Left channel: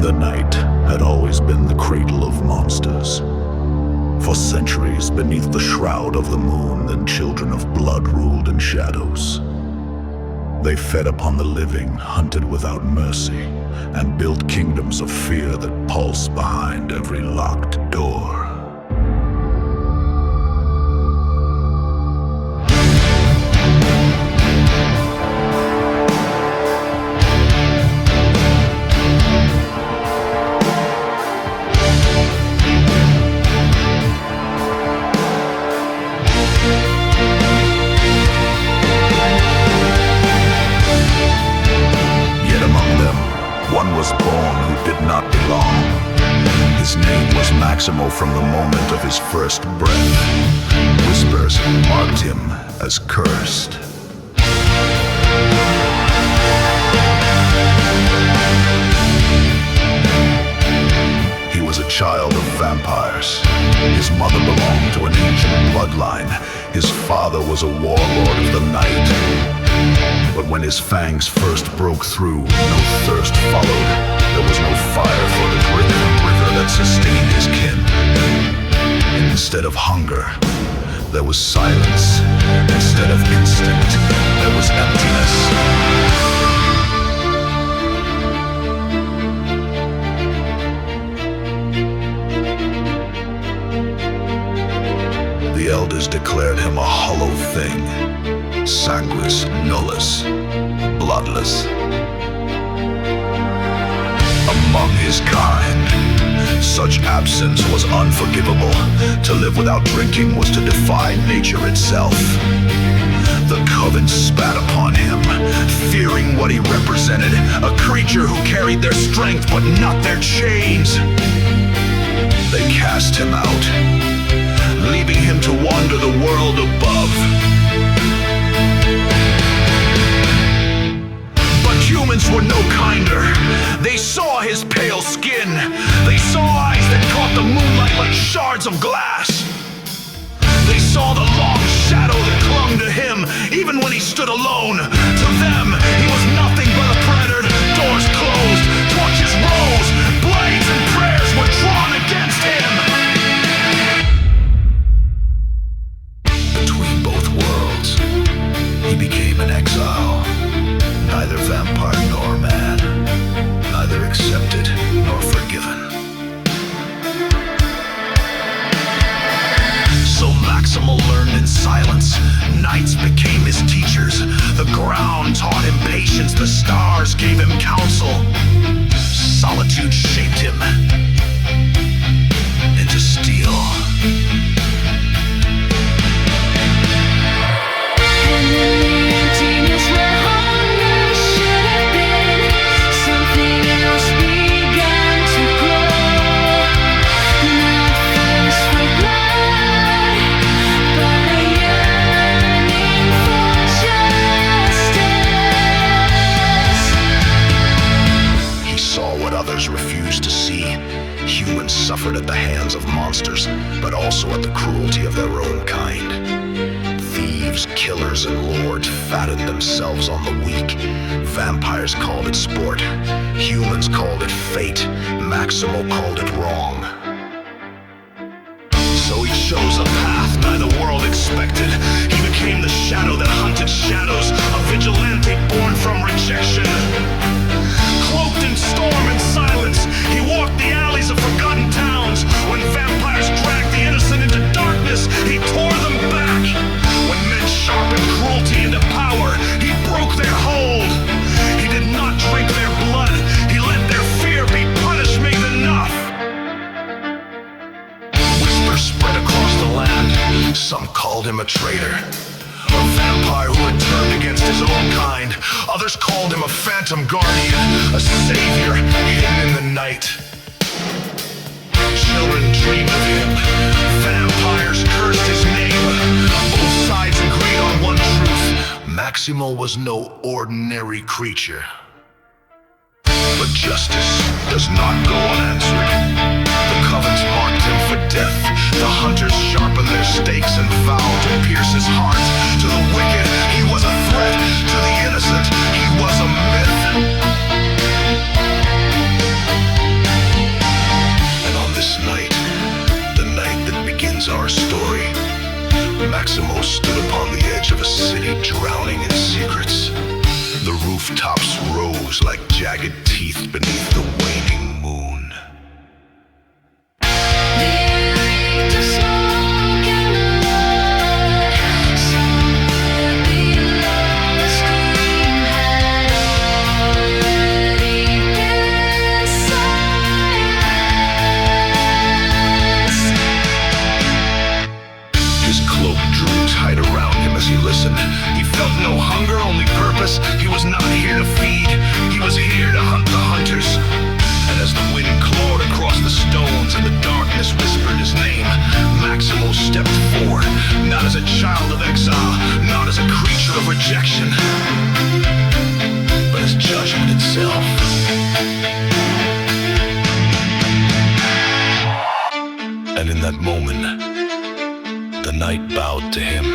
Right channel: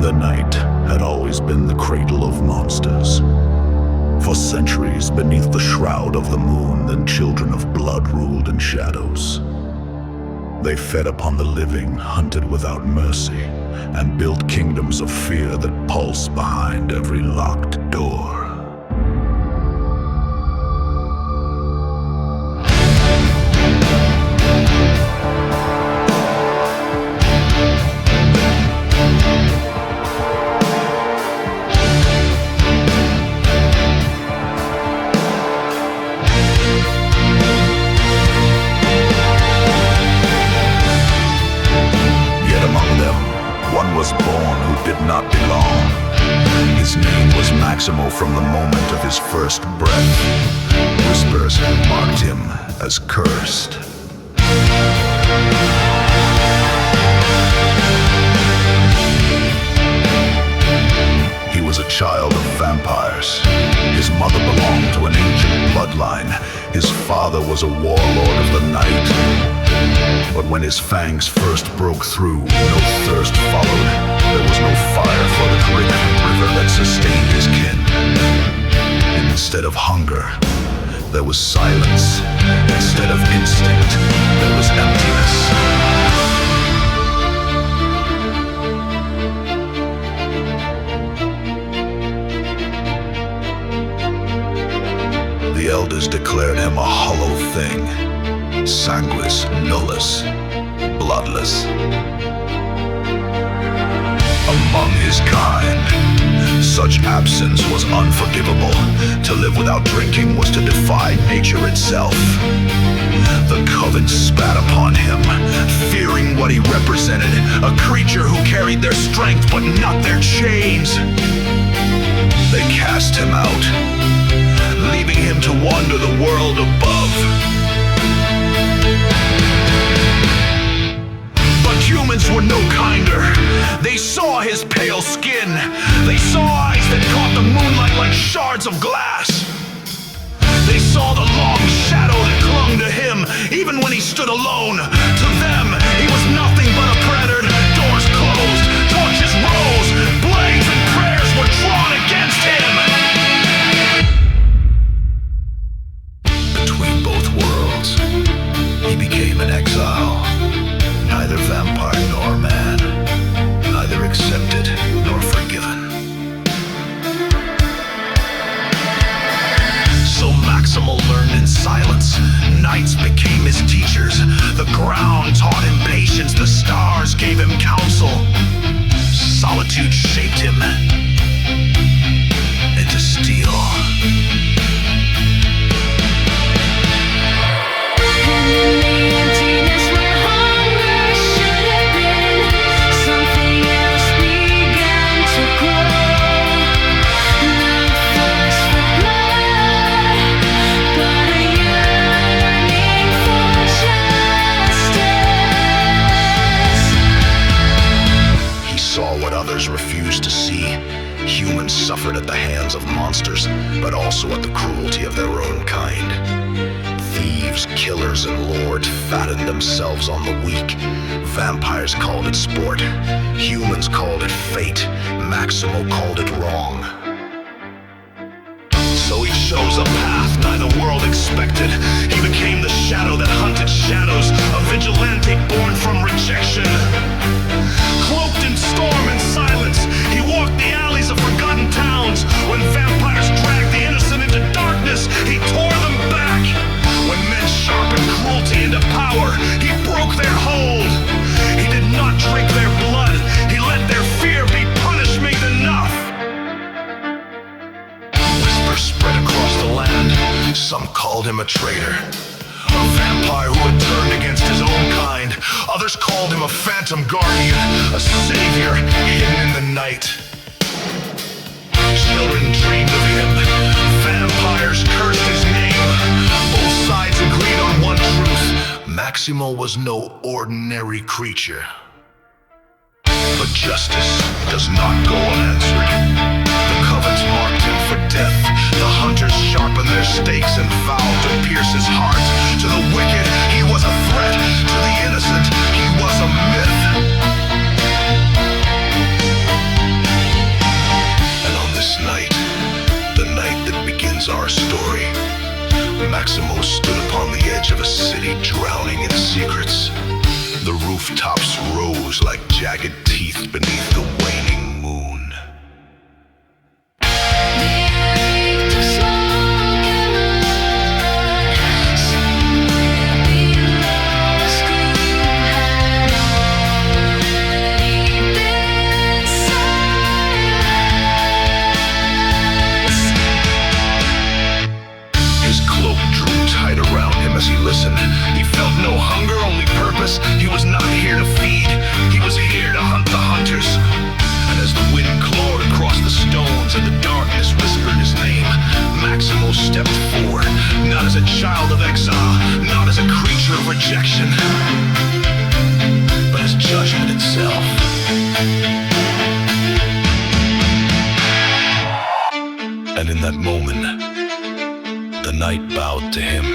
The night had always been the cradle of monsters. For centuries, beneath the shroud of the moon, the children of blood ruled in shadows. They fed upon the living, hunted without mercy, and built kingdoms of fear that pulse behind every locked door. Among them, one was born who did not belong. His name was Maximo from the moment of his first breath. Whispers marked him as cursed. He was a child of vampires. His mother belonged to an ancient bloodline. His father was a warlord of the night. But when his fangs first broke through, no thirst followed. There was no fire for the trickling river that sustained his kin. Instead of hunger, there was silence. Instead of instinct, there was emptiness. The elders declared him a hollow thing. Sanguis nullus, bloodless. Among his kind, such absence was unforgivable. To live without drinking was to defy nature itself. The coven spat upon him, fearing what he represented, a creature who carried their strength but not their chains. They cast him out, leaving him to wander the world above. Humans were no kinder. They saw his pale skin. They saw eyes that caught the moonlight like shards of glass. They saw the long shadow that clung to him, even when he stood alone. To them, he was nothing but a predator. Doors closed, torches rose, blades and prayers were drawn against him. Between both worlds, he became an exile. Neither vampire nor man, neither accepted nor forgiven. So Maximo learned in silence. Nights became his teachers. The ground taught him patience. The stars gave him counsel. Solitude shaped him into steel. And in the emptiness where hunger should have been, something else began to grow. Not thirst for blood, but a yearning for justice. He saw what others refused to see. Humans suffered at the hands of monsters, but also at the cruelty of their own kind. Thieves, killers, and lords fattened themselves on the weak. Vampires called it sport. Humans called it fate. Maximo called it wrong. So he chose a path neither world expected. He became the shadow that hunted shadows, a vigilante born from rejection. Cloaked in storm and silence, he walked the alleys of forgotten towns. When vampires dragged the innocent into darkness, he tore them back. When men sharpened cruelty into power, he broke their hold. He did not drink their blood. He let their fear be punishment enough. Whispers spread across the land. Some called him a traitor, a vampire who had turned against his own kind. Others called him a phantom guardian, a savior hidden in the night. Children dreamed of him. Vampires cursed his name. Both sides agreed on one truth. Maximo was no ordinary creature. But justice does not go unanswered. The covens marked him for death. The hunters sharpened their stakes and vowed to pierce his heart. To the wicked, he was a threat. To the innocent, he was a myth. this night, the night that begins our story, Maximo stood upon the edge of a city drowning in secrets. The rooftops rose like jagged teeth beneath the waning moon. The air reeked of smoke and blood. Somewhere below, a scream had already been silenced. His cloak drew tight around him as he listened. He felt no hunger, only purpose. He was not here to feed. He was here to hunt the hunters. And as the wind clawed across the stones and the darkness whispered his name, Maximo stepped forward, not as a child of exile, not as a creature of rejection, but as judgment itself. And in that moment, the night bowed to him.